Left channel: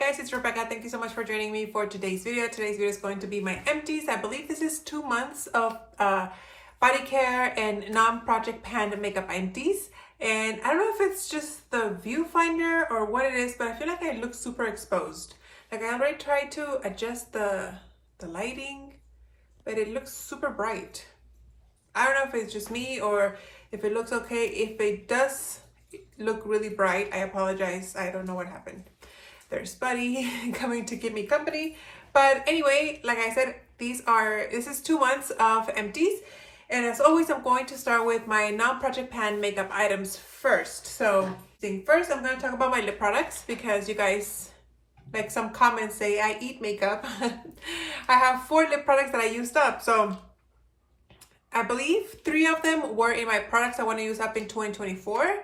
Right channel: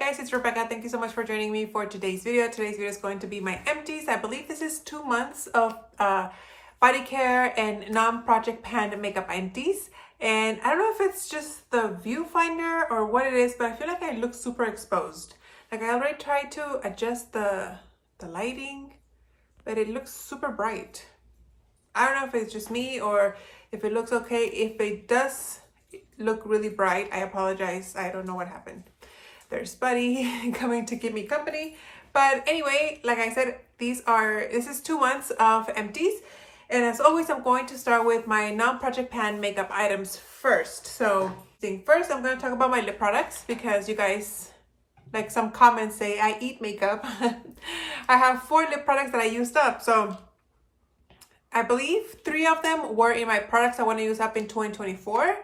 guys, it's Rebecca. Thank you so much for joining me for today's video. Today's video is going to be my empties. I believe this is 2 months of body care and non-project pan makeup empties. And I don't know if it's just the viewfinder or what it is, but I feel like I look super exposed. Like I already tried to adjust the lighting, but it looks super bright. I don't know if it's just me or if it looks okay. If it does look really bright, I apologize. I don't know what happened. There's Buddy coming to give me company. But anyway, like I said, this is 2 months of empties. And as always, I'm going to start with my non-project pan makeup items first. So first, I'm going to talk about my lip products because you guys, like some comments say, I eat makeup. I have 4 lip products that I used up. So I believe 3 of them were in my products I want to use up in 2024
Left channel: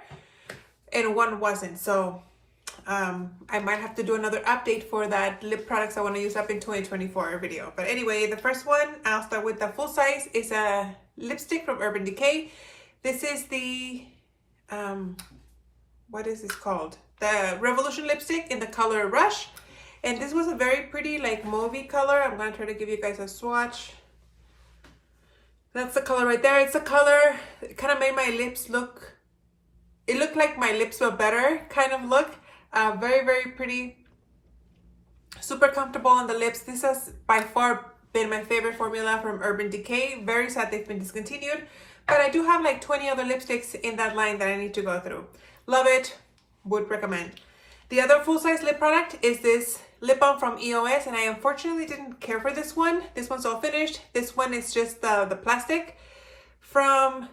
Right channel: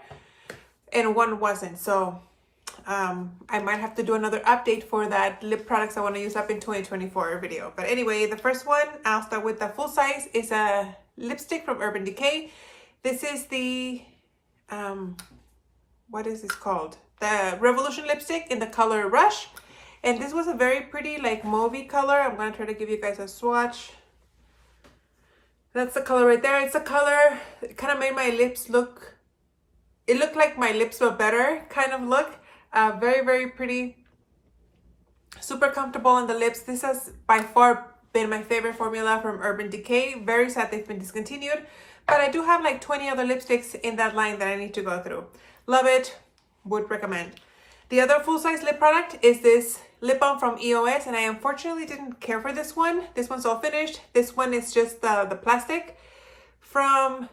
and 1 wasn't. So I might have to do another update for that lip products I want to use up in 2024 video. But anyway, the first one, I'll start with the full size, is a lipstick from Urban Decay. This is the, what is this called? The Revolution lipstick in the color Rush. And this was a very pretty like mauvey color. I'm going to try to give you guys a swatch. That's the color right there. It's a color, it kind of made my lips look, it looked like my lips were better kind of look. Very, very pretty. Super comfortable on the lips. This has by far been my favorite formula from Urban Decay. Very sad they've been discontinued. But I do have like 20 other lipsticks in that line that I need to go through. Love it. Would recommend. The other full-size lip product is this lip balm from EOS, and I unfortunately didn't care for this one. This one's all finished. This one is just the plastic from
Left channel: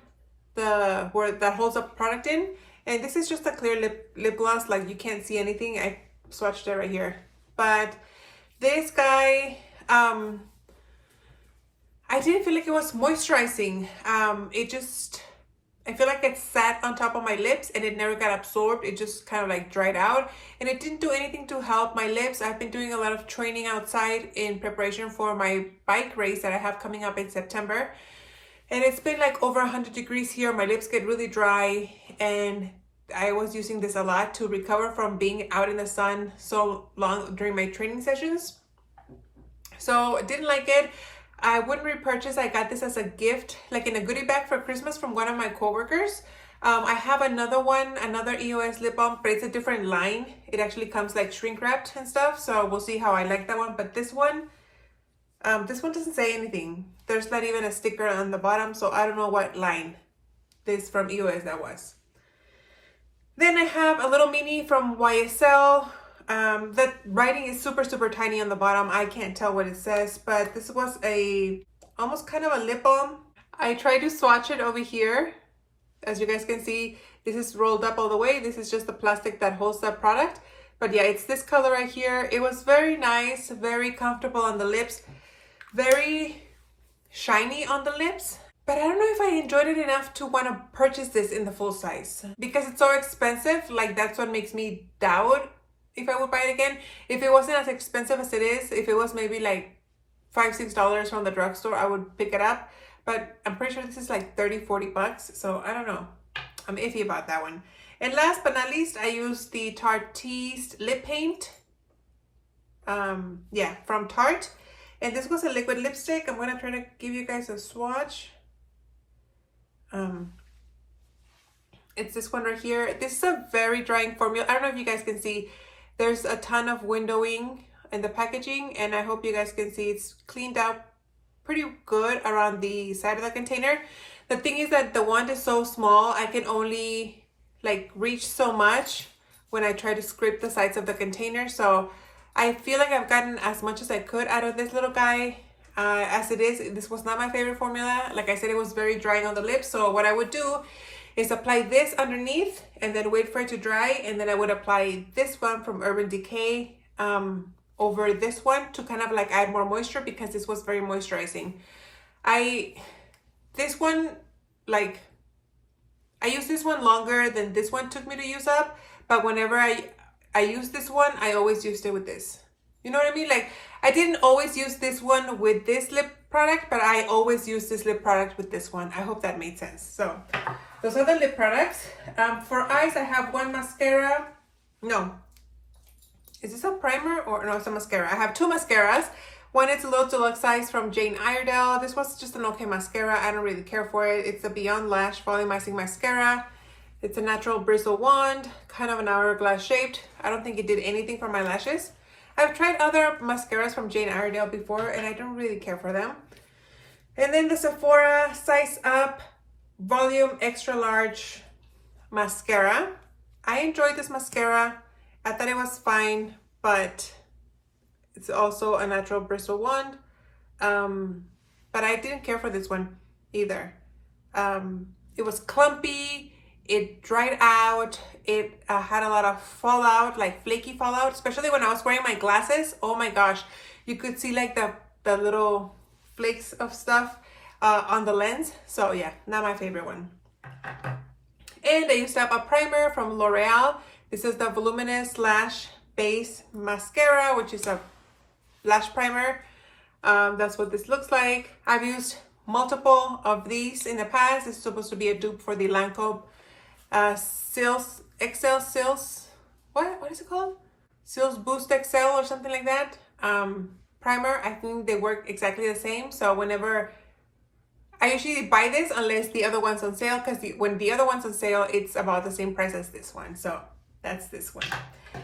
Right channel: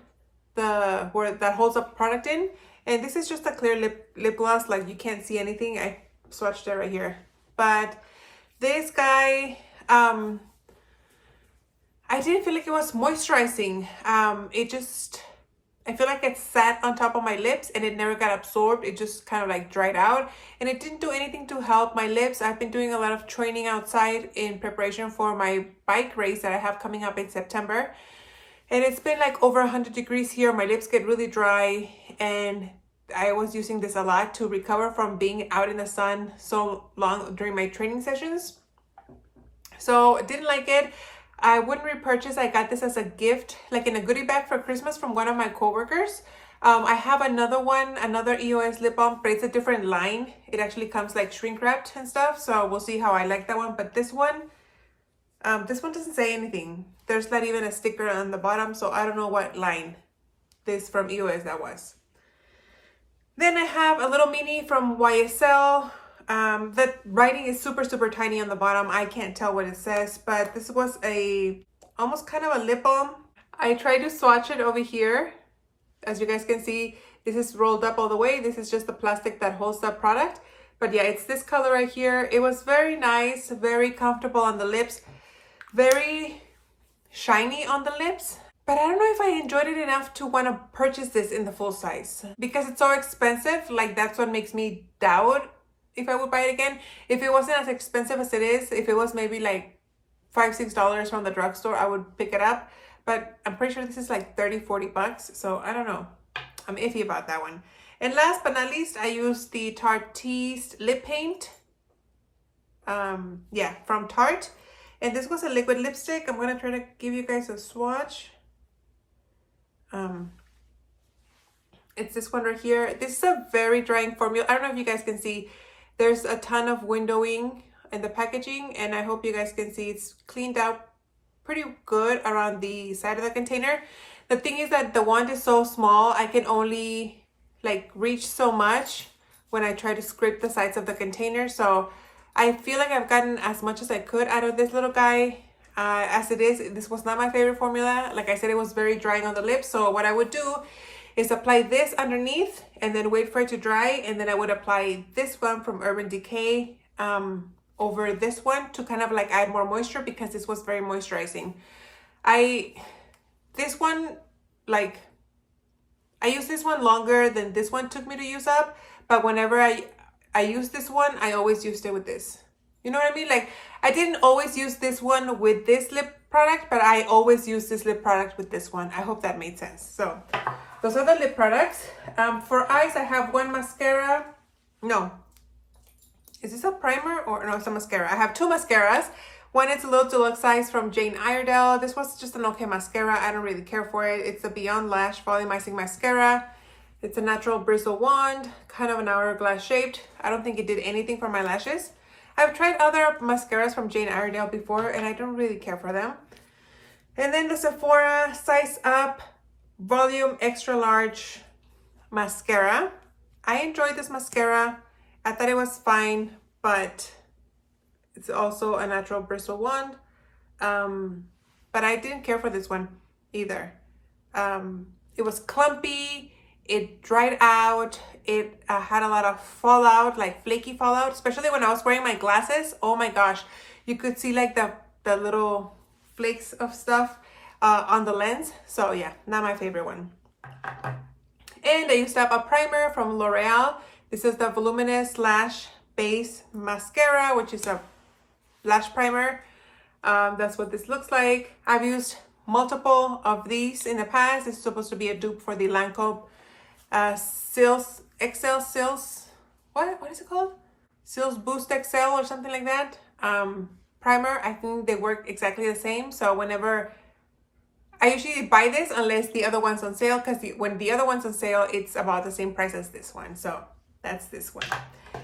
where that holds up product in. And this is just a clear lip gloss, like you can't see anything. I swatched it right here. But this guy, I didn't feel like it was moisturizing. I feel like it sat on top of my lips and it never got absorbed. It just kind of like dried out. And it didn't do anything to help my lips. I've been doing a lot of training outside in preparation for my bike race that I have coming up in September. And it's been like over 100 degrees here. My lips get really dry. And I was using this a lot to recover from being out in the sun so long during my training sessions. So I didn't like it. I wouldn't repurchase. I got this as a gift, like in a goodie bag for Christmas from one of my coworkers. I have another one, another EOS lip balm, but it's a different line. It actually comes like shrink wrapped and stuff. So we'll see how I like that one. But this one doesn't say anything. There's not even a sticker on the bottom. So I don't know what line this from EOS that was. Then I have a little mini from YSL. The writing is super, super tiny on the bottom. I can't tell what it says, but this was almost kind of a lip balm. I tried to swatch it over here. As you guys can see, this is rolled up all the way. This is just the plastic that holds the product. But yeah, it's this color right here. It was very nice, very comfortable on the lips, very shiny on the lips. But I don't know if I enjoyed it enough to want to purchase this in the full size. Because it's so expensive, like that's what makes me doubt if I would buy it again. If it wasn't as expensive as it is, if it was maybe like $5-6 from the drugstore, I would pick it up. But I'm pretty sure this is like 30-40 bucks. So I don't know. I'm iffy about that one. And last but not least, I used the Tarte's lip paint. Yeah, from Tarte. And this was a liquid lipstick. I'm going to try to give you guys a swatch. It's this one right here. This is a very drying formula. I don't know if you guys can see. There's a ton of windowing in the packaging, and I hope you guys can see it's cleaned out pretty good around the side of the container. The thing is that the wand is so small, I can only like reach so much when I try to scrape the sides of the container. So I feel like I've gotten as much as I could out of this little guy. As it is, this was not my favorite formula. Like I said, it was very drying on the lips. So what I would do is apply this underneath and then wait for it to dry. And then I would apply this one from Urban Decay over this one to kind of like add more moisture because this was very moisturizing. This one, like, I used this one longer than this one took me to use up. But whenever I use this one, I always used it with this. You know what I mean? Like, I didn't always use this one with this lip product, but I always use this lip product with this one. I hope that made sense. So those are the lip products. For eyes, I have one mascara. No, is this a primer or no, it's a mascara. I have two mascaras. One is a little deluxe size from Jane Iredale. This was just an okay mascara. I don't really care for it. It's the Beyond Lash Volumizing Mascara. It's a natural bristle wand, kind of an hourglass shaped. I don't think it did anything for my lashes. I've tried other mascaras from Jane Iredale before and I don't really care for them. And then the Sephora Size Up Volume Extra Large Mascara. I enjoyed this mascara. I thought it was fine, but it's also a natural bristle wand. But I didn't care for this one either. It was clumpy. It dried out. It had a lot of fallout, like flaky fallout, especially when I was wearing my glasses. Oh my gosh, you could see like the little flakes of stuff on the lens. So yeah, not my favorite one. And I used up a primer from L'Oreal. This is the Voluminous Lash Base Mascara, which is a lash primer. That's what this looks like. I've used multiple of these in the past. It's supposed to be a dupe for the Lancome XL Sills, what is it called? Sills Boost XL or something like that. Primer. I think they work exactly the same. So whenever I usually buy this, unless the other one's on sale, because when the other one's on sale, it's about the same price as this one. So that's this one.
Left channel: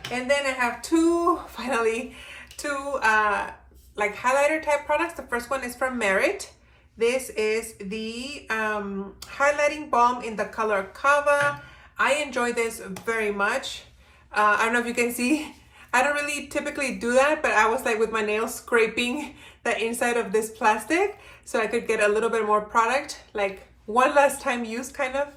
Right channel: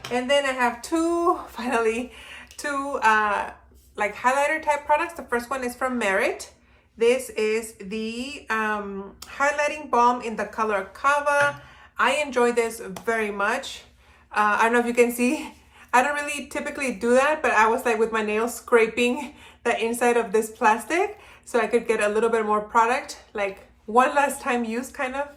And then I have finally two like highlighter type products. The first one is from Merit. This is the highlighting balm in the color Cava. I enjoy this very much. I don't know if you can see. I don't really typically do that, but I was like with my nails scraping the inside of this plastic so I could get a little bit more product, like one last time use kind of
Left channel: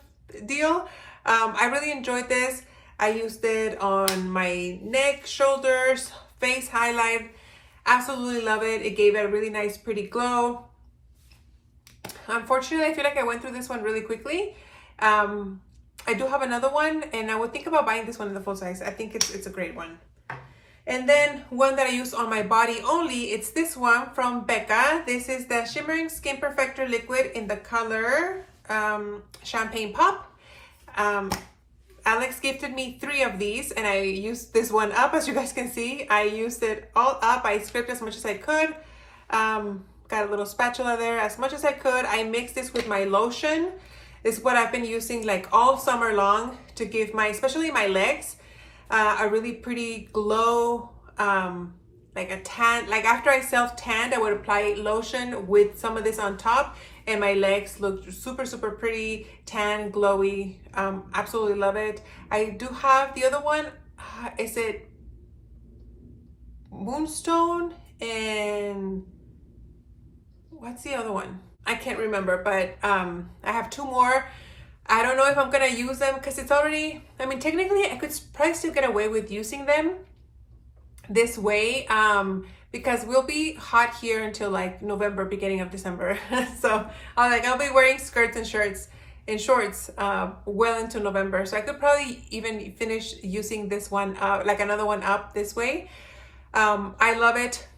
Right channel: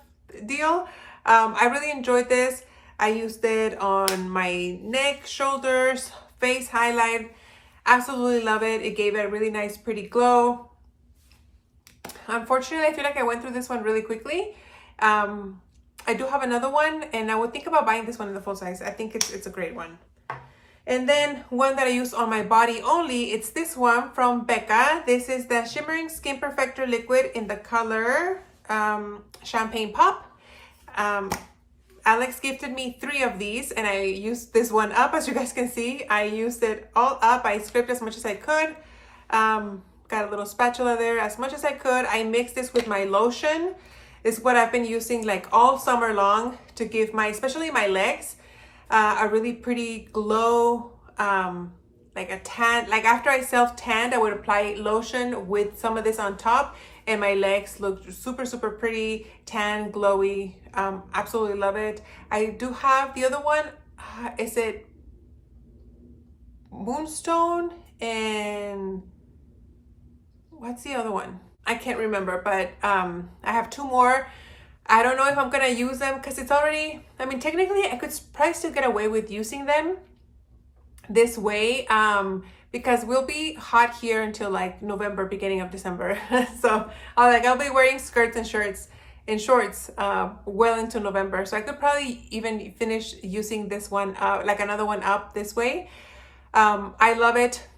deal. I really enjoyed this. I used it on my neck, shoulders, face highlight. Absolutely love it. It gave it a really nice, pretty glow. Unfortunately, I feel like I went through this one really quickly. I do have another one, and I would think about buying this one in the full size. I think it's a great one. And then one that I use on my body only, it's this one from Becca. This is the Shimmering Skin Perfector Liquid in the color Champagne Pop. Alex gifted me 3 of these, and I used this one up. As you guys can see, I used it all up. I scraped as much as I could. Got a little spatula there as much as I could. I mixed this with my lotion. It's what I've been using like all summer long to give especially my legs, a really pretty glow, like a tan. Like after I self-tanned, I would apply lotion with some of this on top, and my legs look super, super pretty, tan, glowy. Absolutely love it. I do have the other one. Is it Moonstone and what's the other one? I can't remember, but I have 2 more. I don't know if I'm gonna use them because it's already, I mean, technically I could probably still get away with using them this way because we'll be hot here until like November, beginning of December. So I'll be wearing skirts and shorts well into November. So I could probably even finish using this one, like another one up this way. I love it.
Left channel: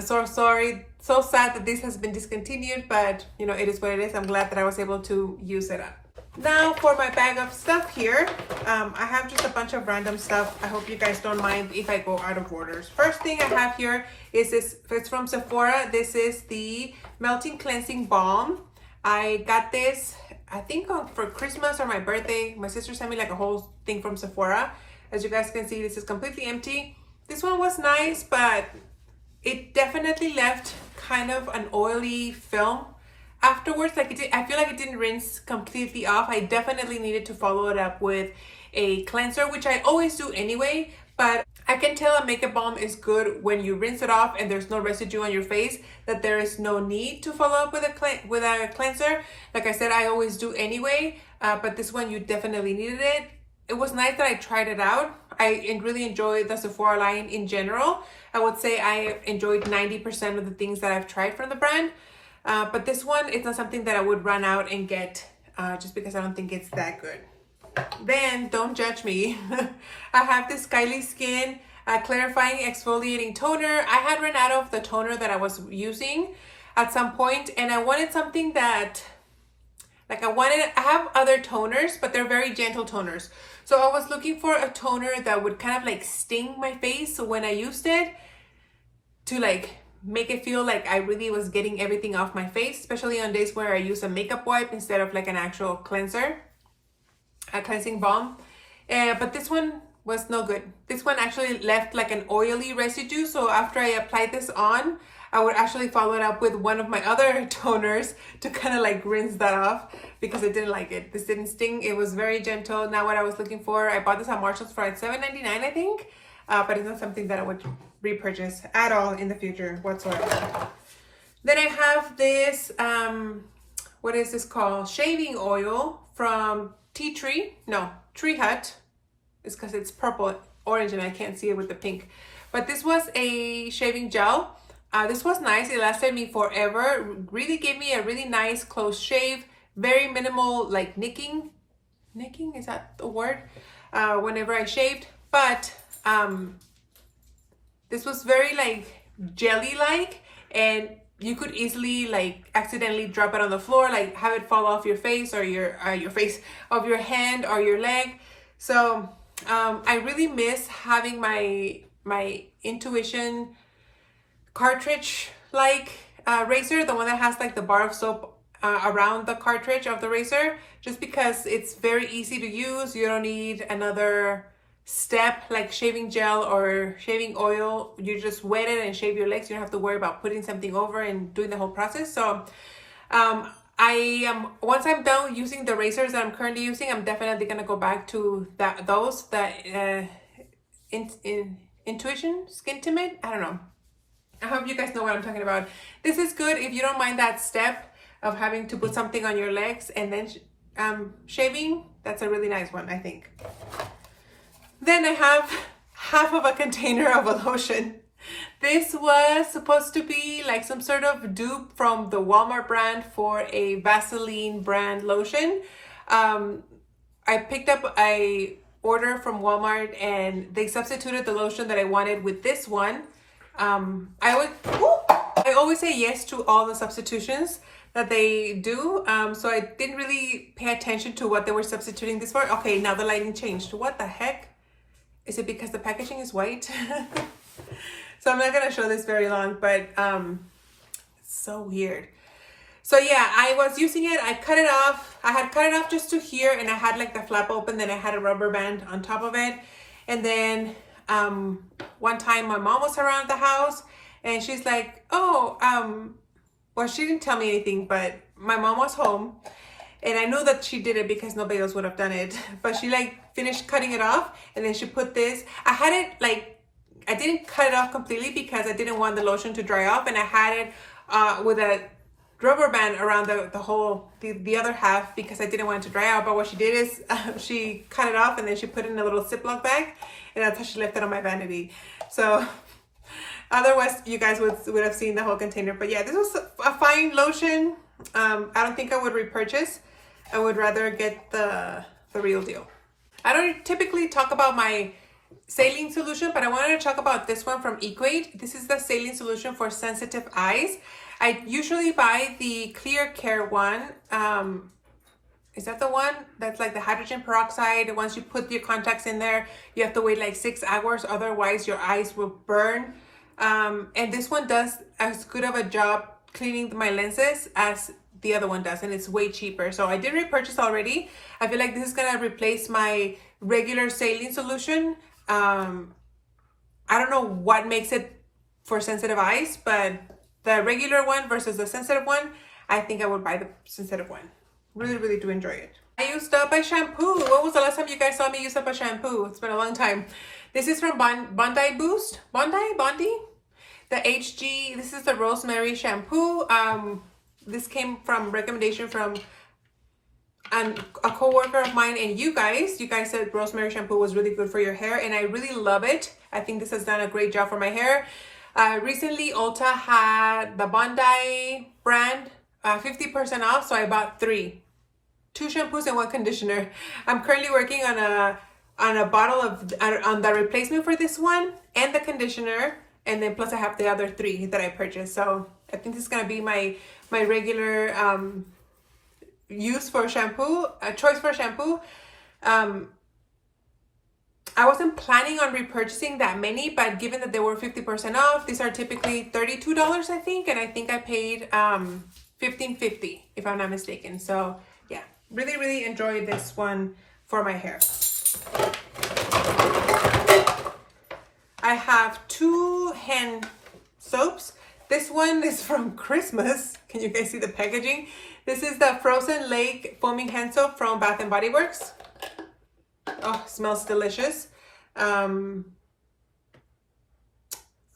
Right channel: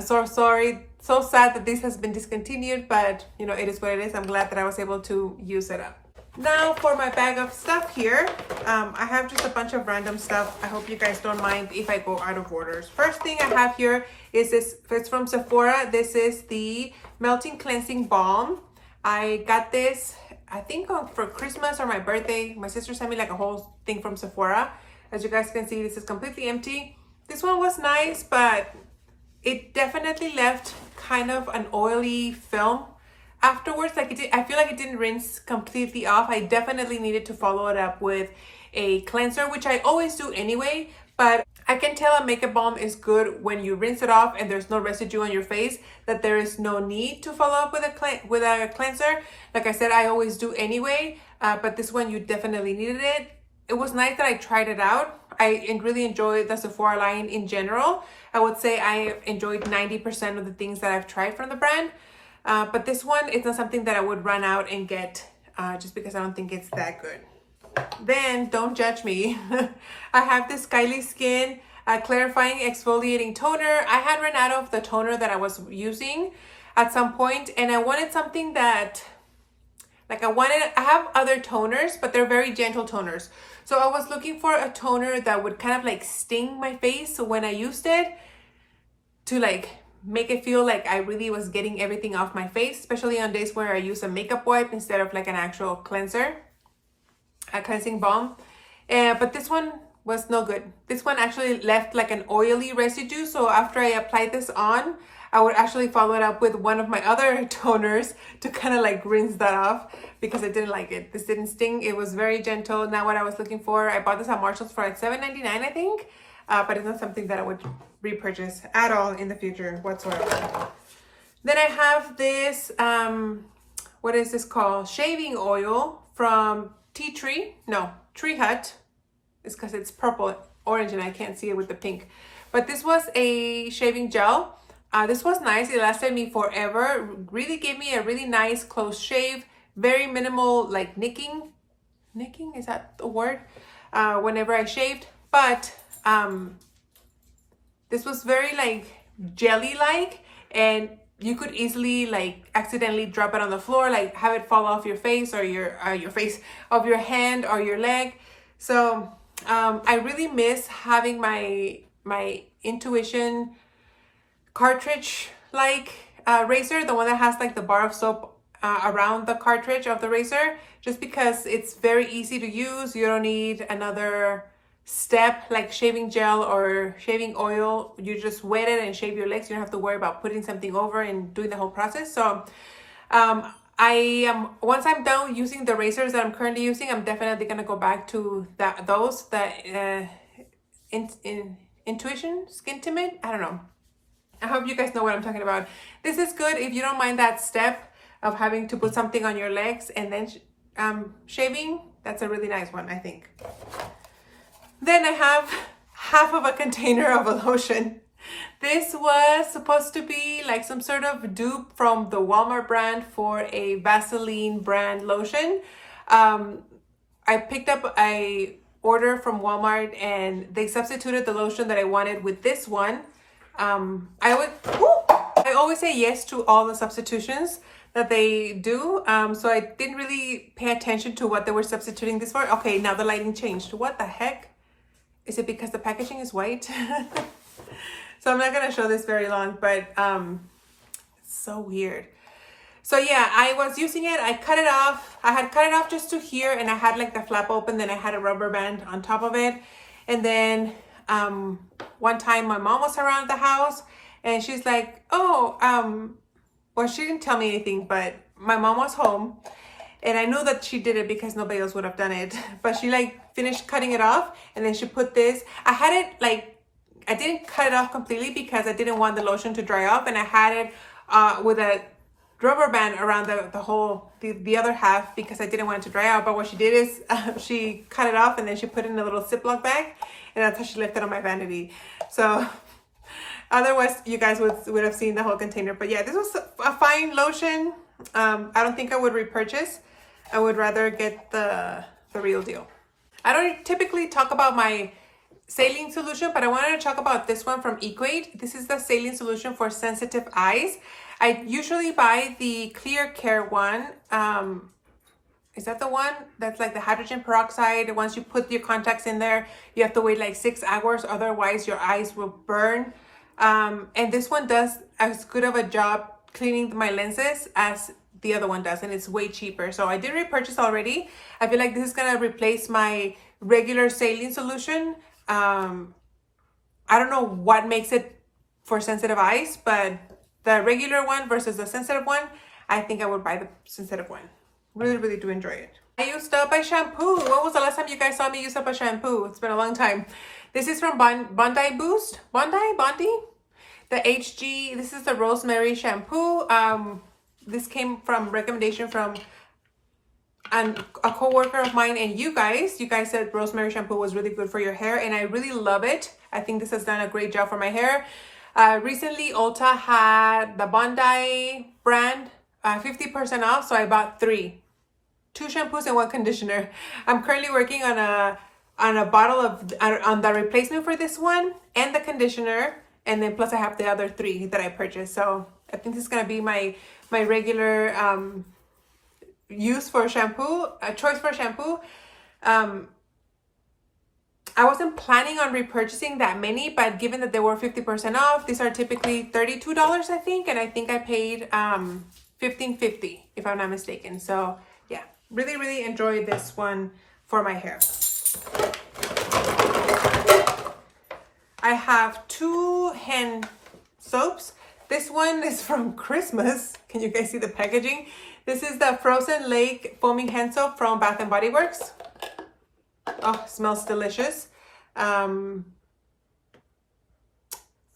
So sorry, so sad that this has been discontinued, but you know, it is what it is. I'm glad that I was able to use it up. Now for my bag of stuff here, I have just a bunch of random stuff. I hope you guys don't mind if I go out of orders. First thing I have here is this, it's from Sephora. This is the Melting Cleansing Balm. I got this, I think for Christmas or my birthday. My sister sent me like a whole thing from Sephora. As you guys can see, this is completely empty. This one was nice, but it definitely left kind of an oily film afterwards. Like I feel like it didn't rinse completely off. I definitely needed to follow it up with a cleanser, which I always do anyway, but I can tell a makeup balm is good when you rinse it off and there's no residue on your face, that there is no need to follow up with a cleanser. Like I said, I always do anyway, but this one you definitely needed it. It was nice that I tried it out. I really enjoyed the Sephora line in general. I would say I enjoyed 90% of the things that I've tried from the brand. But this one, it's not something that I would run out and get just because I don't think it's that good. Then, don't judge me. I have this Kylie Skin Clarifying Exfoliating Toner. I had run out of the toner that I was using at some point, and I wanted something that, like I have other toners, but they're very gentle toners. So I was looking for a toner that would kind of like sting my face when I used it, to like make it feel like I really was getting everything off my face, especially on days where I use a makeup wipe instead of like an actual cleanser, a cleansing balm. But this one was no good. This one actually left like an oily residue. So after I applied this on, I would actually follow it up with one of my other toners to kind of like rinse that off, because I didn't like it. This didn't sting. It was very gentle. Not what I was looking for. I bought this at Marshall's for like $7.99, I think. But it's not something that I would repurchase at all in the future whatsoever. Then I have this, what is this called? Shaving oil from Tree Hut. It's because it's purple, orange, and I can't see it with the pink. But this was a shaving gel. This was nice. It lasted me forever. Really gave me a really nice close shave. Very minimal like nicking. Nicking, is that the word? Whenever I shaved. But this was very like jelly-like, and you could easily like accidentally drop it on the floor, like have it fall off your face, or your face, of your hand or your leg. So I really miss having my Intuition cartridge like razor, the one that has like the bar of soap around the cartridge of the razor, just because it's very easy to use. You don't need another step like shaving gel or shaving oil. You just wet it and shave your legs. You don't have to worry about putting something over and doing the whole process. So once I'm done using the razors that I'm currently using, I'm definitely gonna go back to those Intuition Skintimate. I don't know. I hope you guys know what I'm talking about. This is good if you don't mind that step of having to put something on your legs and then shaving. That's a really nice one, I think. Then I have half of a container of a lotion. This was supposed to be like some sort of dupe from the Walmart brand for a Vaseline brand lotion. I picked up a order from Walmart and they substituted the lotion that I wanted with this one. I always say yes to all the substitutions that they do. So I didn't really pay attention to what they were substituting this for. Okay, now the lighting changed. What the heck? Is it because the packaging is white? So I'm not gonna show this very long, but it's so weird. So yeah, I was using it. I cut it off. I had cut it off just to here, and I had like the flap open. Then I had a rubber band on top of it. And then one time my mom was around the house, and she's like, "Oh, well, she didn't tell me anything, but my mom was home." And I knew that she did it because nobody else would have done it. But she like finished cutting it off, and then she put this. I had it like, I didn't cut it off completely because I didn't want the lotion to dry off, and I had it with a rubber band around the other half because I didn't want it to dry out. But what she did is she cut it off and then she put it in a little Ziploc bag, and that's how she left it on my vanity. So otherwise you guys would have seen the whole container. But yeah, this was a fine lotion. I don't think I would repurchase. I would rather get the real deal. I don't typically talk about my saline solution, but I wanted to talk about this one from Equate. This is the saline solution for sensitive eyes. I usually buy the Clear Care one. Is that the one that's like the hydrogen peroxide? Once you put your contacts in there, you have to wait like 6 hours, otherwise your eyes will burn. And this one does as good of a job cleaning my lenses as the other one does, and it's way cheaper. So I did repurchase already. I feel like this is gonna replace my regular saline solution. I don't know what makes it for sensitive eyes, but the regular one versus the sensitive one, I think I would buy the sensitive one. Really, really do enjoy it. I used up a shampoo. When was the last time you guys saw me use up a shampoo? It's been a long time. This is from Bondi Boost. Bondi? The HG, this is the rosemary shampoo. This came from recommendation from a co-worker of mine and you guys said rosemary shampoo was really good for your hair, and I really love it. I think this has done a great job for my hair. Recently Ulta had the Bondi brand 50% off, so I bought 2 shampoos and 1 conditioner. I'm currently working on a bottle of on the replacement for this one and the conditioner, and then plus I have the other 3 that I purchased. So I think this is gonna be my regular use for shampoo, choice for shampoo. I wasn't planning on repurchasing that many, but given that they were 50% off, these are typically $32, I think, and I think I paid $15.50 if I'm not mistaken. So yeah, really enjoyed this one for my hair. I have 2 hand soaps. This one is from Christmas. Can you guys see the packaging? This is the Frozen Lake Foaming Hand Soap from Bath and Body Works. Oh, smells delicious.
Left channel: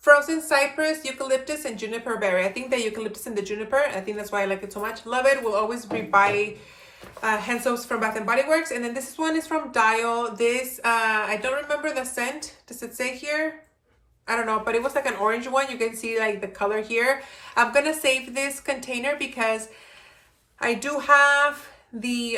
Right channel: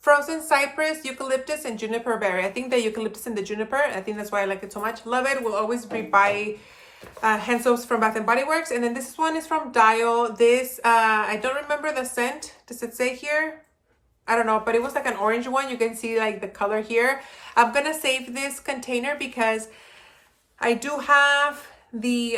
Frozen cypress, eucalyptus, and juniper berry. I think the eucalyptus and the juniper, I think that's why I like it so much. Love it. Will always rebuy hand soaps from Bath and Body Works. And then this one is from Dial. This, I don't remember the scent. Does it say here? I don't know, but it was like an orange one. You can see like the color here. I'm gonna save this container because I do have the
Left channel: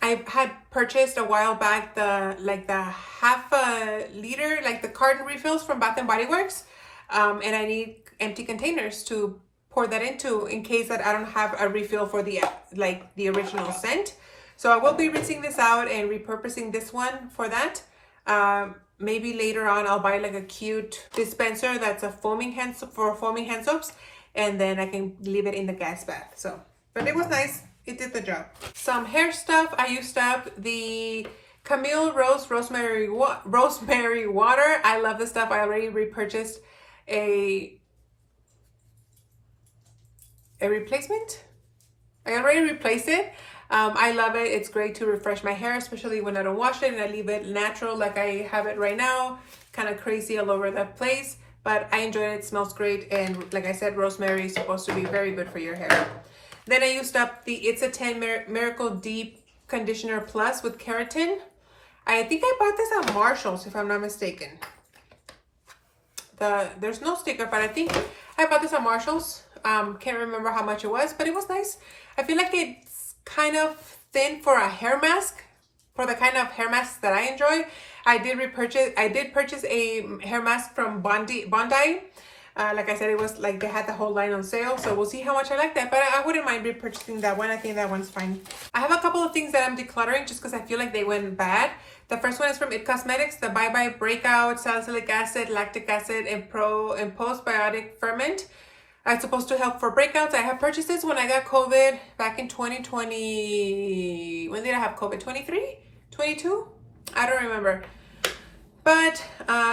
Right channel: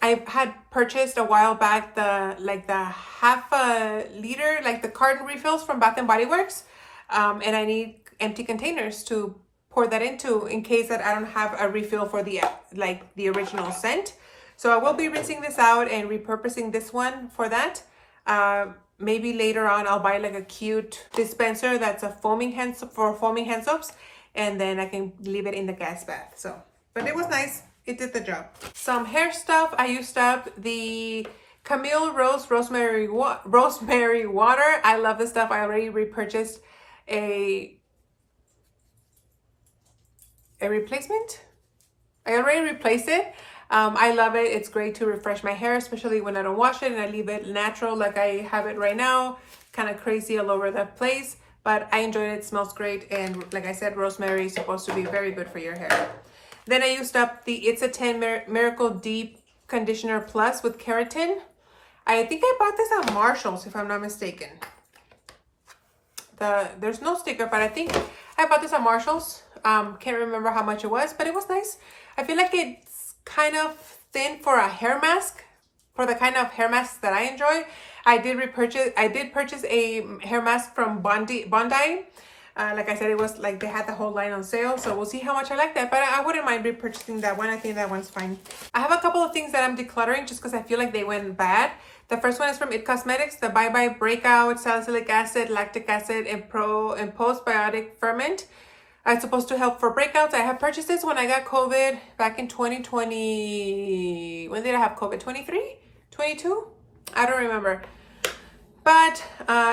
I had purchased a while back the half a liter, like the carton refills from Bath and Body Works, and I need empty containers to pour that into in case that I don't have a refill for the original scent. So I will be rinsing this out and repurposing this one for that. Maybe later on I'll buy like a cute dispenser that's a foaming hand soaps, and then I can leave it in the gas bath. So, but it was nice. It did the job. Some hair stuff. I used up the Camille Rose Rosemary Water. I love this stuff. I already repurchased a replacement. I already replaced it. I love it. It's great to refresh my hair, especially when I don't wash it and I leave it natural like I have it right now. Kind of crazy all over that place, but I enjoy it. It smells great. And like I said, rosemary is supposed to be very good for your hair. Then I used up the It's a 10 Miracle Deep Conditioner Plus with keratin. I think I bought this at Marshall's if I'm not mistaken. There's no sticker, but I think I bought this at Marshall's. Can't remember how much it was, but it was nice. I feel like it's kind of thin for a hair mask, for the kind of hair masks that I enjoy. I did purchase a hair mask from Bondi. Like I said, it was like they had the whole line on sale, so we'll see how much I like that, but I wouldn't mind repurchasing that one. I think that one's fine. I have a couple of things that I'm decluttering just because I feel like they went bad. The first one is from It Cosmetics, the Bye Bye Breakout Salicylic Acid, Lactic Acid, and Postbiotic Ferment. It's supposed to help for breakouts. I have purchased this when I got COVID back in 2020. When did I have COVID? 23? 22? I don't remember. But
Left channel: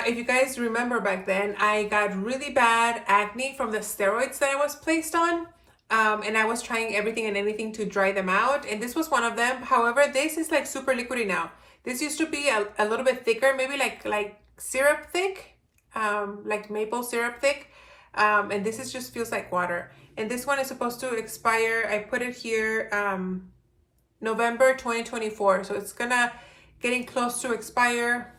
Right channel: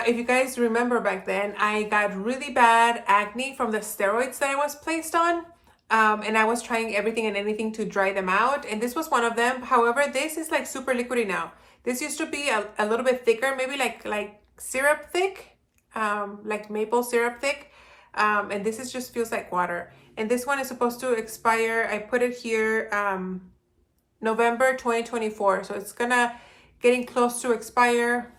if you guys remember back then, I got really bad acne from the steroids that I was placed on. And I was trying everything and anything to dry them out. And this was one of them. However, this is like super liquidy now. This used to be a little bit thicker, maybe like syrup thick, like maple syrup thick. And this just feels like water. And this one is supposed to expire. I put it here November 2024. So it's getting close to expire.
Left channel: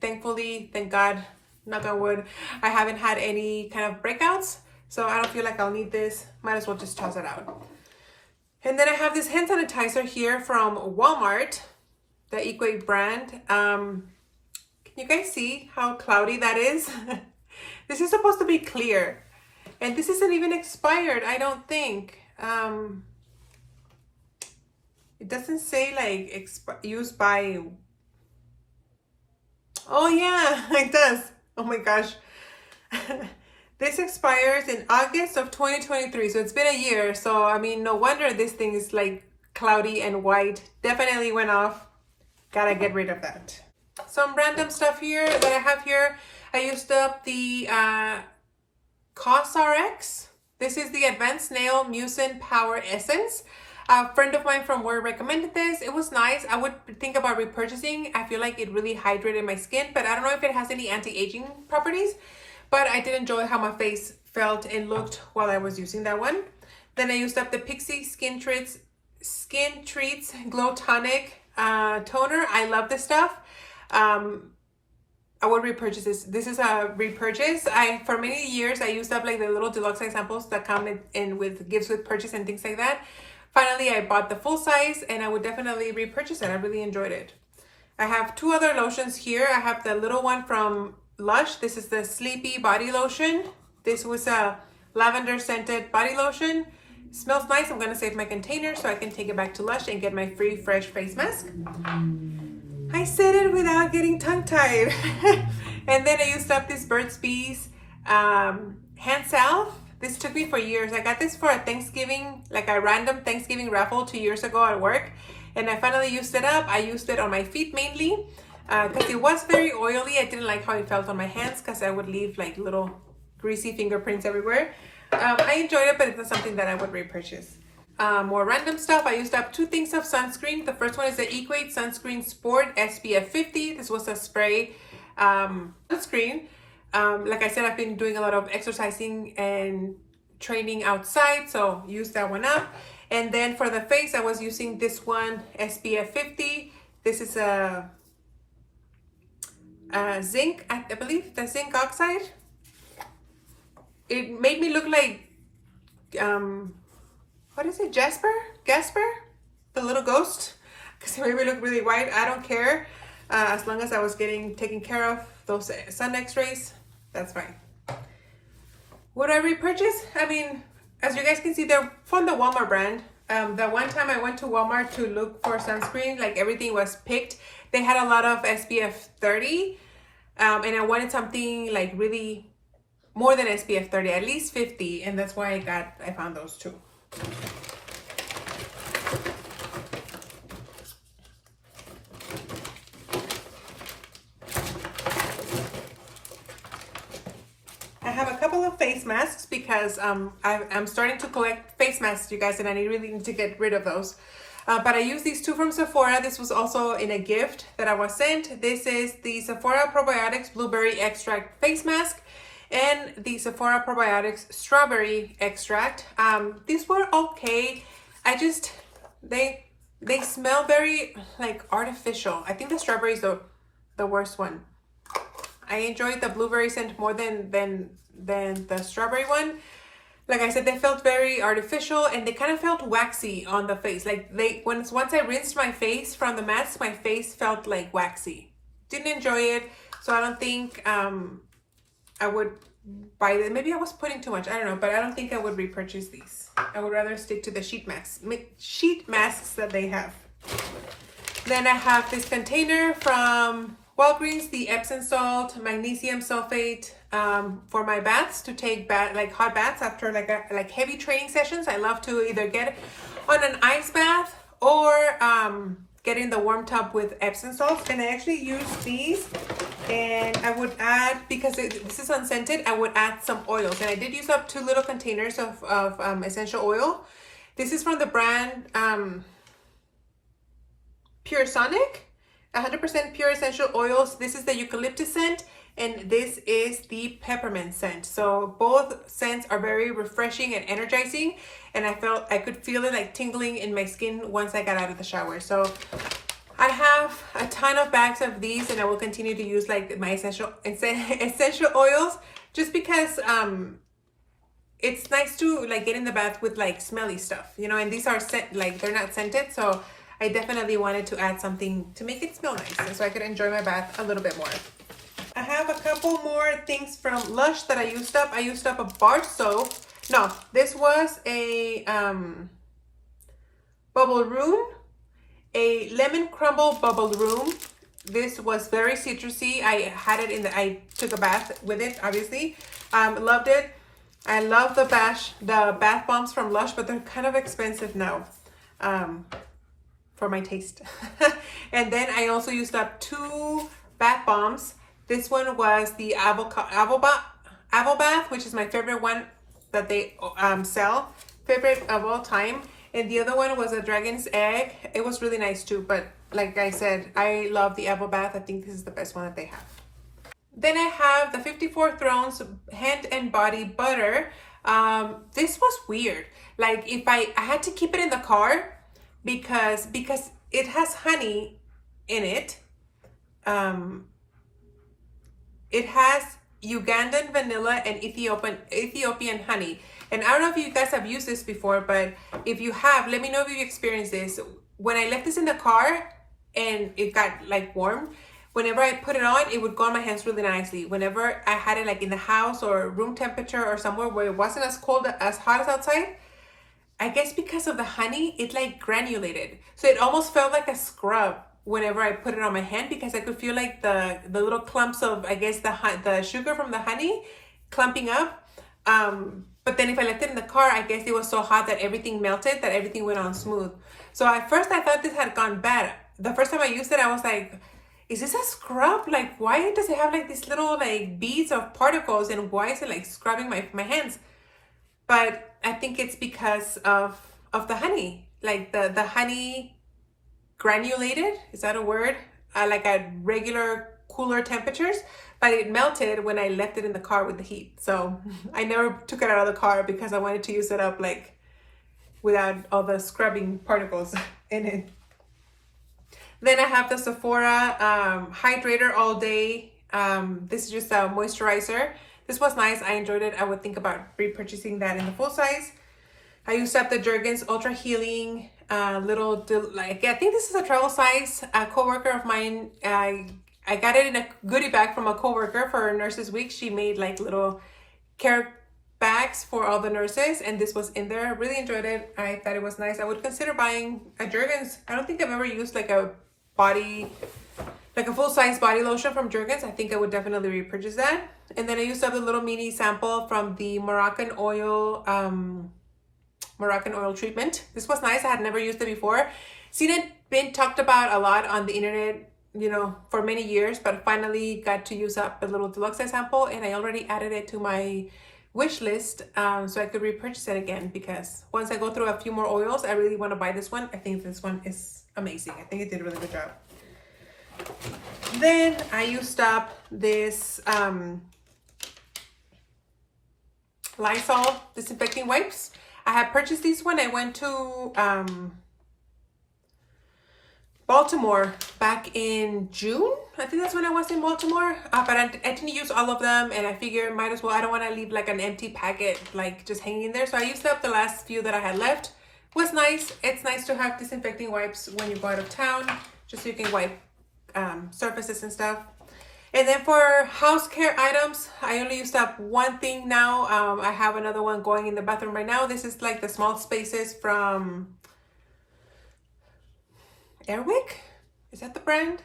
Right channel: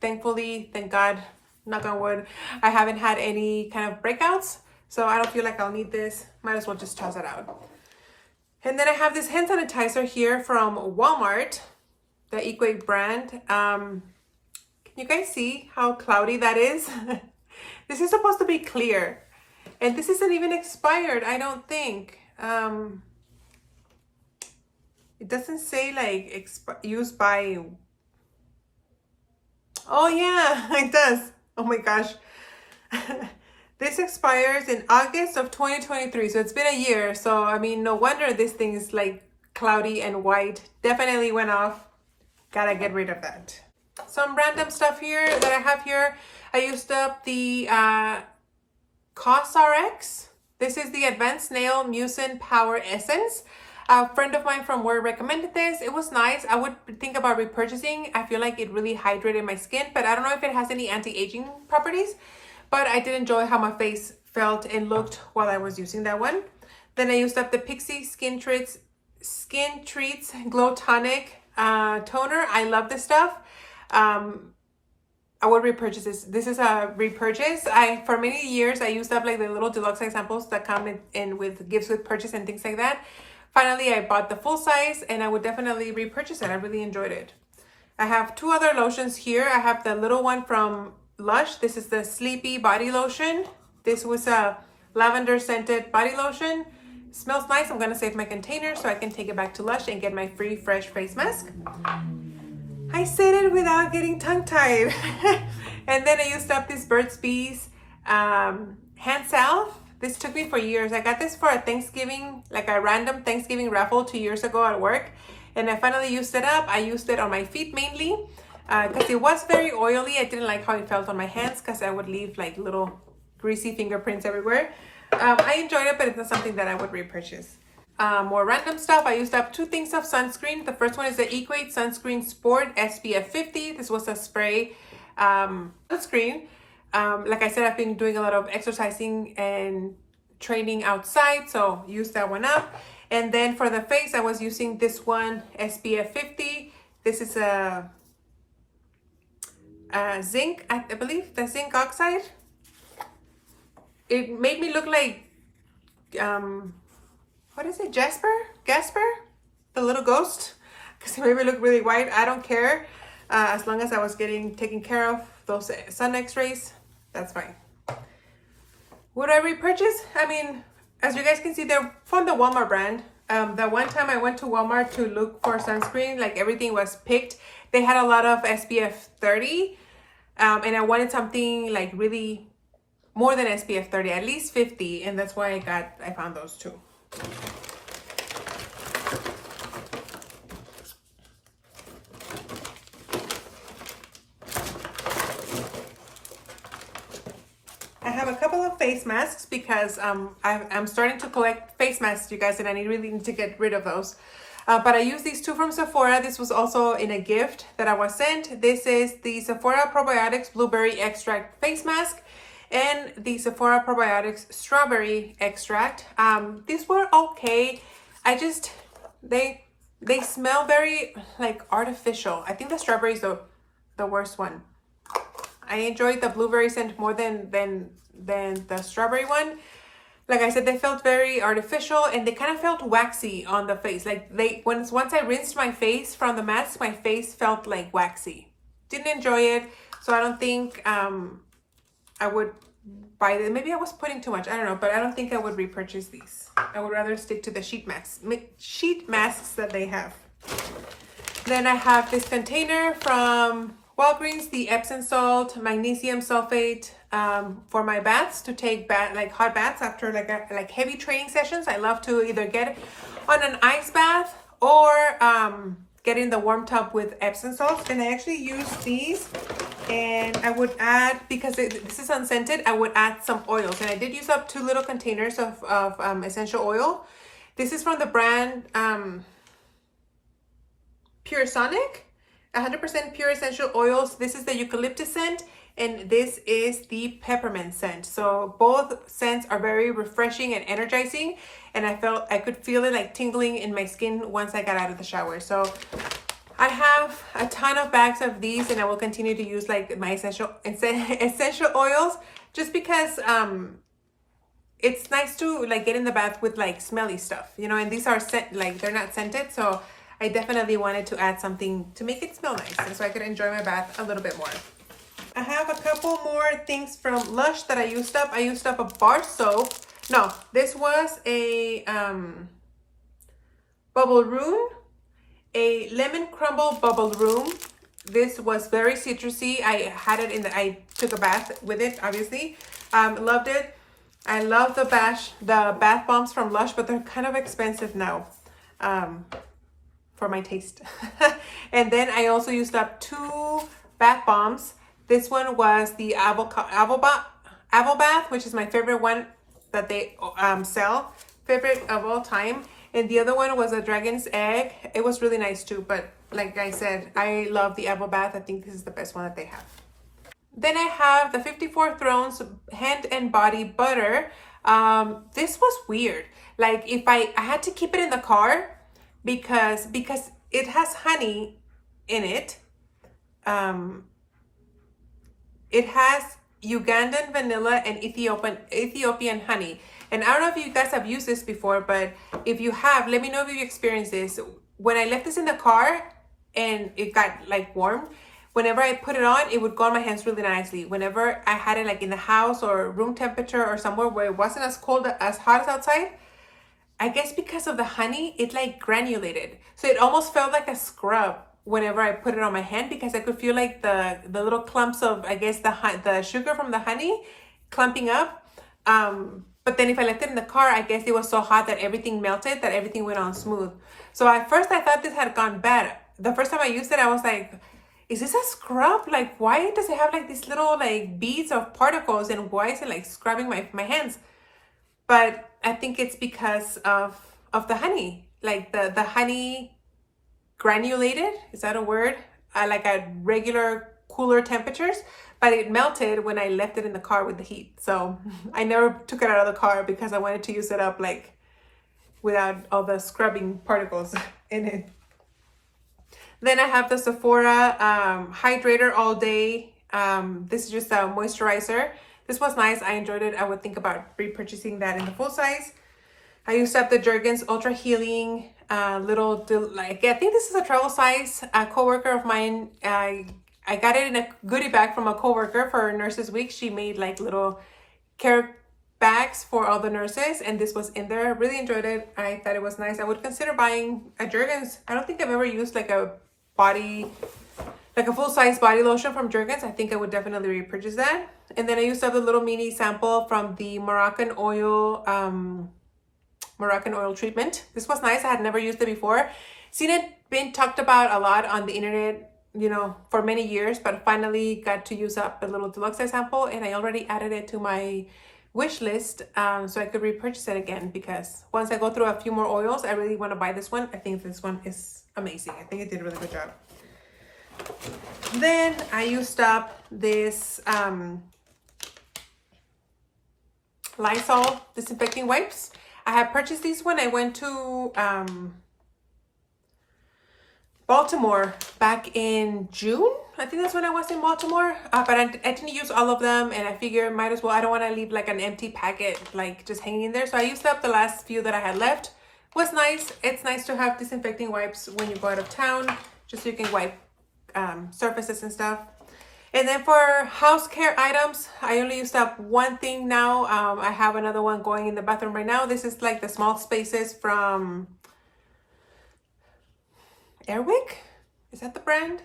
Thankfully, thank God, knock on wood, I haven't had any kind of breakouts. So I don't feel like I'll need this. Might as well just toss it out. And then I have this hand sanitizer here from Walmart, the Equate brand. Can you guys see how cloudy that is? This is supposed to be clear. And this isn't even expired, I don't think. It doesn't say like used by... Oh yeah, it does. Oh my gosh. This expires in August of 2023. So it's been a year. So, I mean, no wonder this thing is like cloudy and white. Definitely went off. Gotta get rid of that. Some random stuff here that I have here. I used up the CosRx. This is the Advanced Nail Mucin Power Essence. A friend of mine from work recommended this. It was nice. I would think about repurchasing. I feel like it really hydrated my skin, but I don't know if it has any anti-aging properties. But I did enjoy how my face felt and looked while I was using that one. Then I used up the Pixi Skin Treats Glow Tonic Toner. I love this stuff. I would repurchase this. This is a repurchase. For many years, I used up like the little deluxe examples that come in with gifts with purchase and things like that. Finally, I bought the full size and I would definitely repurchase it. I really enjoyed it. I have 2 other lotions here. I have the little one from Lush. This is the Sleepy Body Lotion. This was a lavender scented body lotion. It smells nice. I'm going to save my container so I can take it back to Lush and get my free fresh face mask. I said it without getting tongue-tied. And then I used up this Burt's Bees hand salve. This took me for years. I got this for a Thanksgiving, like a random Thanksgiving raffle 2 years ago at work. And I finally used it up. I used it on my feet mainly because it was very oily. I didn't like how it felt on my hands because I would leave like little greasy fingerprints everywhere. I enjoyed it, but it's not something that I would repurchase. More random stuff. I used up 2 things of sunscreen. The first one is the Equate Sunscreen Sport SPF 50. This was a spray sunscreen. Like I said, I've been doing a lot of exercising and training outside, so use that one up. And then for the face, I was using this one, SPF 50. This is a zinc, I believe, the zinc oxide. It made me look like, what is it, Jasper, the little ghost, because it made me look really white. I don't care, as long as I was taking care of those sun x-rays, that's fine. Would I repurchase? I mean, as you guys can see, they're from the Walmart brand. The one time I went to Walmart to look for sunscreen, like everything was picked. They had a lot of SPF 30, and I wanted something like really more than SPF 30, at least 50, and that's why I found those two. I have a couple of face masks because I'm starting to collect face masks, you guys, and I really need to get rid of those. But I use these 2 from Sephora. This was also in a gift that I was sent. This is the Sephora Probiotics Blueberry Extract Face Mask and the Sephora Probiotics Strawberry Extract. These were okay. They smell very like artificial. I think the strawberry is the worst one. I enjoyed the blueberry scent more than the strawberry one. Like I said, they felt very artificial and they kind of felt waxy on the face. Like once I rinsed my face from the mask, my face felt like waxy. Didn't enjoy it, so I don't think I would buy it. Maybe I was putting too much, I don't know, but I don't think I would repurchase these. I would rather stick to the sheet masks that they have. Then I have this container from Walgreens, the Epsom salt magnesium sulfate for my baths, to take like hot baths after like heavy training sessions. I love to either get on an ice bath or get in the warm tub with Epsom salt. And I actually use these, and I would add, because this is unscented, I would add some oils. And I did use up 2 little containers of essential oil. This is from the brand Pure Sonic. 100% pure essential oils. This is the eucalyptus scent, and this is the peppermint scent. So both scents are very refreshing and energizing, and I could feel it like tingling in my skin once I got out of the shower. So I have a ton of bags of these, and I will continue to use like my essential oils, just because it's nice to like get in the bath with like smelly stuff, you know, and these are like they're not scented, so I definitely wanted to add something to make it smell nice, and so I could enjoy my bath a little bit more. I have a couple more things from Lush that I used up. I used up a bar soap. No, this was a bubble room, a lemon crumble bubble room. This was very citrusy. I had it I took a bath with it, obviously. Loved it. I love the bath bombs from Lush, but they're kind of expensive now. For my taste. And then I also used up 2 bath bombs. This one was the Avo Bath, which is my favorite one that they sell, favorite of all time. And the other one was a dragon's egg. It was really nice too, but like I said, I love the Avo Bath. I think this is the best one that they have. Then I have the 54 Thrones Hand and Body Butter. This was weird. Like if I had to keep it in the car, because it has honey in it. It has Ugandan vanilla and Ethiopian honey. And I don't know if you guys have used this before, but if you have, let me know if you experienced this. When I left this in the car and it got like warm, whenever I put it on, it would go on my hands really nicely. Whenever I had it like in the house or room temperature or somewhere where it wasn't as hot as outside, I guess because of the honey, it like granulated. So it almost felt like a scrub whenever I put it on my hand because I could feel like the little clumps of, I guess, the sugar from the honey clumping up. But then if I left it in the car, I guess it was so hot that everything melted, that everything went on smooth. So at first I thought this had gone bad. The first time I used it, I was like, is this a scrub? Like, why does it have like these little like beads of particles, and why is it like scrubbing my hands? But I think it's because of the honey. Like the honey granulated, is that a word? Like at regular cooler temperatures, but it melted when I left it in the car with the heat. So I never took it out of the car because I wanted to use it up like without all the scrubbing particles in it. Then I have the Sephora Hydrator All Day. This is just a moisturizer. This was nice. I enjoyed it. I would think about repurchasing that in the full size. I used up the Jergens Ultra Healing I think this is a travel size. A coworker of mine, I got it in a goodie bag from a coworker for Nurses Week. She made like little care bags for all the nurses, and this was in there. Really enjoyed it. I thought it was nice. I would consider buying a Jergens. I don't think I've ever used like a full-size body lotion from Jergens. I think I would definitely repurchase that. And then I used up a little mini sample from the Moroccan oil treatment. This was nice. I had never used it before. Seen it been talked about a lot on the internet, you know, for many years, but finally got to use up a little deluxe size sample, and I already added it to my wish list so I could repurchase it again, because once I go through a few more oils, I really want to buy this one. I think this one is amazing. I think it did a really good job. Then I used up this Lysol disinfecting wipes. I had purchased these when I went to Baltimore back in June. I think that's when I was in Baltimore, but I didn't use all of them, and I figured might as well. I don't want to leave like an empty packet like just hanging in there, so I used up the last few that I had left. It was nice. It's nice to have disinfecting wipes when you go out of town, just so you can wipe surfaces and stuff. And then for house care items, I only used up one thing now. I have another one going in the bathroom right now. This is like the small spaces from Airwick. Is that the brand?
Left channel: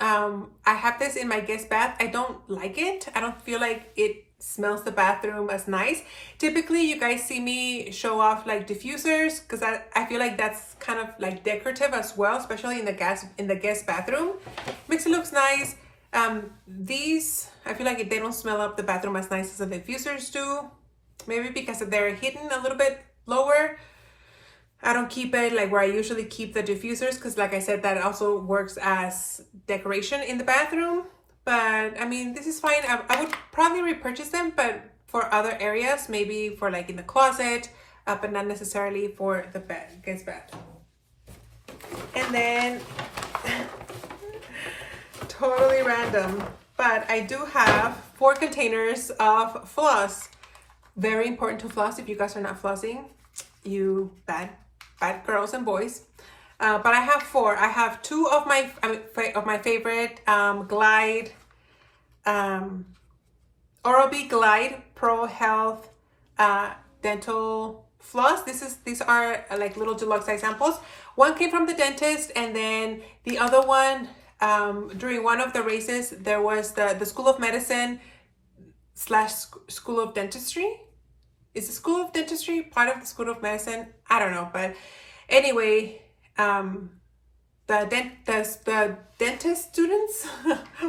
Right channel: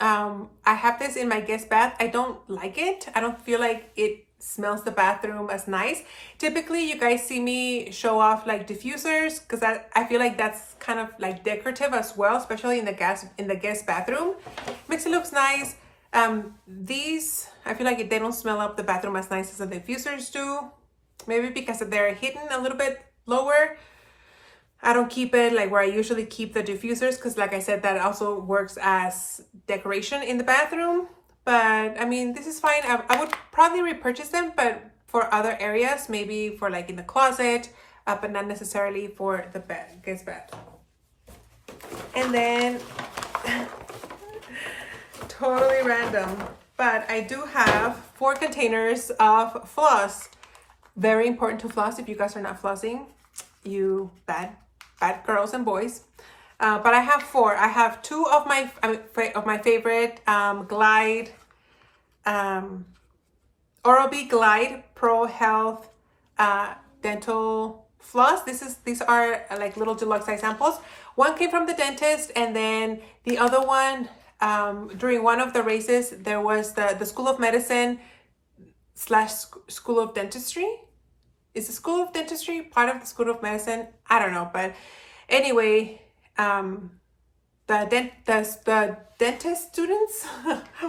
I have this in my guest bath. I don't like it. I don't feel like it smells the bathroom as nice. Typically, you guys see me show off like diffusers because I feel like that's kind of like decorative as well, especially in the guest bathroom. Makes it look nice. These, I feel like they don't smell up the bathroom as nice as the diffusers do. Maybe because they're hidden a little bit lower. I don't keep it like where I usually keep the diffusers because, like I said, that also works as decoration in the bathroom. But I mean, this is fine. I would probably repurchase them, but for other areas, maybe for like in the closet, but not necessarily for the guest bath. And then, totally random, but I do have 4 containers of floss. Very important to floss. If you guys are not flossing, you bad girls and boys. But I have 4. I have 2 of my favorite Glide, Oral-B Glide Pro Health dental floss. These are like little deluxe size samples. One came from the dentist, and then the other one during one of the races there was the School of Medicine / School of Dentistry. Is the School of Dentistry part of the School of Medicine? I don't know, but anyway, the dentist students,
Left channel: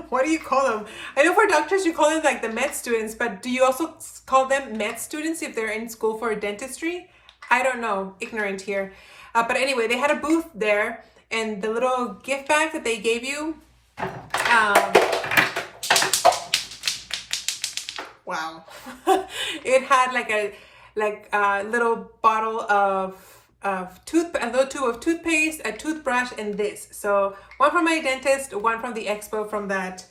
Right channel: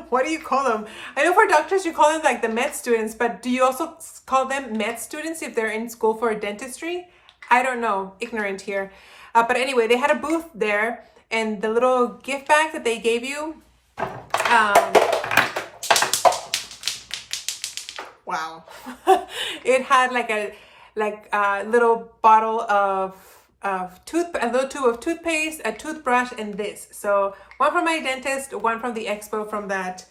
what do you call them? I know for doctors you call them like the med students, but do you also call them med students if they're in school for dentistry? I don't know, ignorant here. But anyway, they had a booth there, and the little gift bag that they gave you, wow. It had like a little bottle of a little tube of toothpaste, a toothbrush, and this. So one from my dentist, one from the expo from that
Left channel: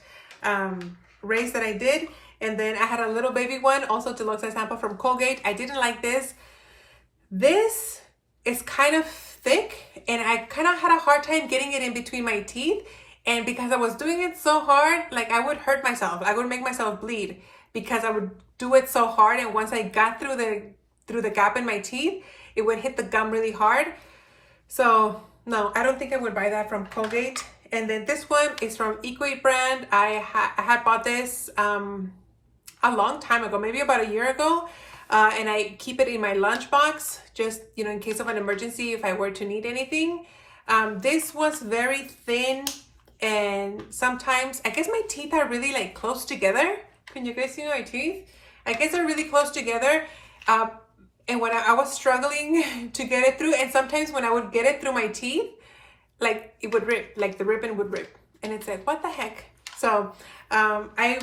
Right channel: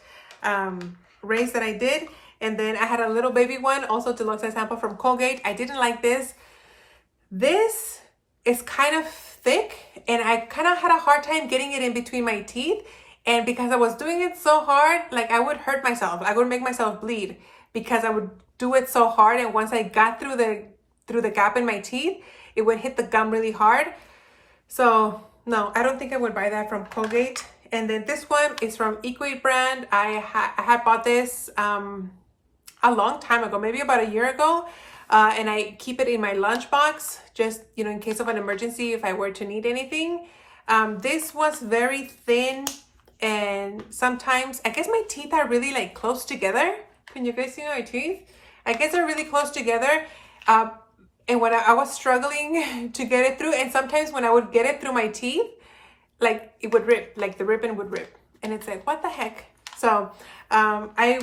race that I did, and then I had a little baby one, also deluxe size sample from Colgate. I didn't like this. This is kind of thick, and I kind of had a hard time getting it in between my teeth, and because I was doing it so hard, like I would hurt myself. I would make myself bleed because I would do it so hard, and once I got through the gap in my teeth, it would hit the gum really hard. So No, I don't think I would buy that from Colgate. And then this one is from Equate brand. I had bought this a long time ago, maybe about a year ago. And I keep it in my lunchbox, just, you know, in case of an emergency, if I were to need anything. This was very thin, and sometimes, I guess my teeth are really like close together. Can you guys see my teeth? I guess they're really close together. And when I was struggling to get it through, and sometimes when I would get it through my teeth, like it would rip, like the ribbon would rip. And it's like, what the heck? So I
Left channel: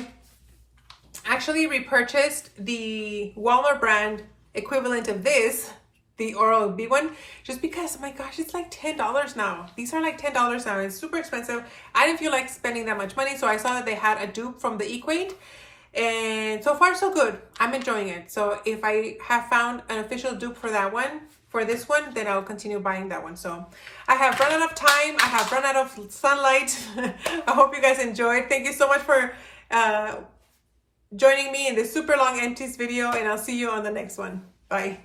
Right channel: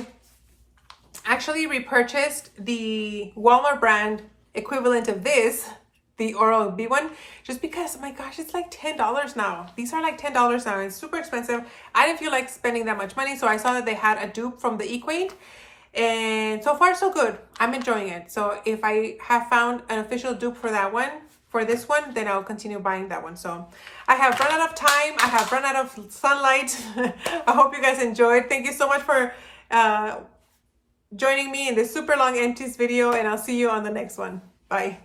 actually repurchased the Walmart brand equivalent of this, the Oral-B one, just because, oh my gosh, it's like $10 now. These are like $10 now. It's super expensive. I didn't feel like spending that much money, so I saw that they had a dupe from the Equate. And so far, so good. I'm enjoying it. So if I have found an official dupe for that one, for this one, then I'll continue buying that one. So I have run out of time. I have run out of sunlight. I hope you guys enjoyed. Thank you so much for joining me in this super long Empties video, and I'll see you on the next one. Bye.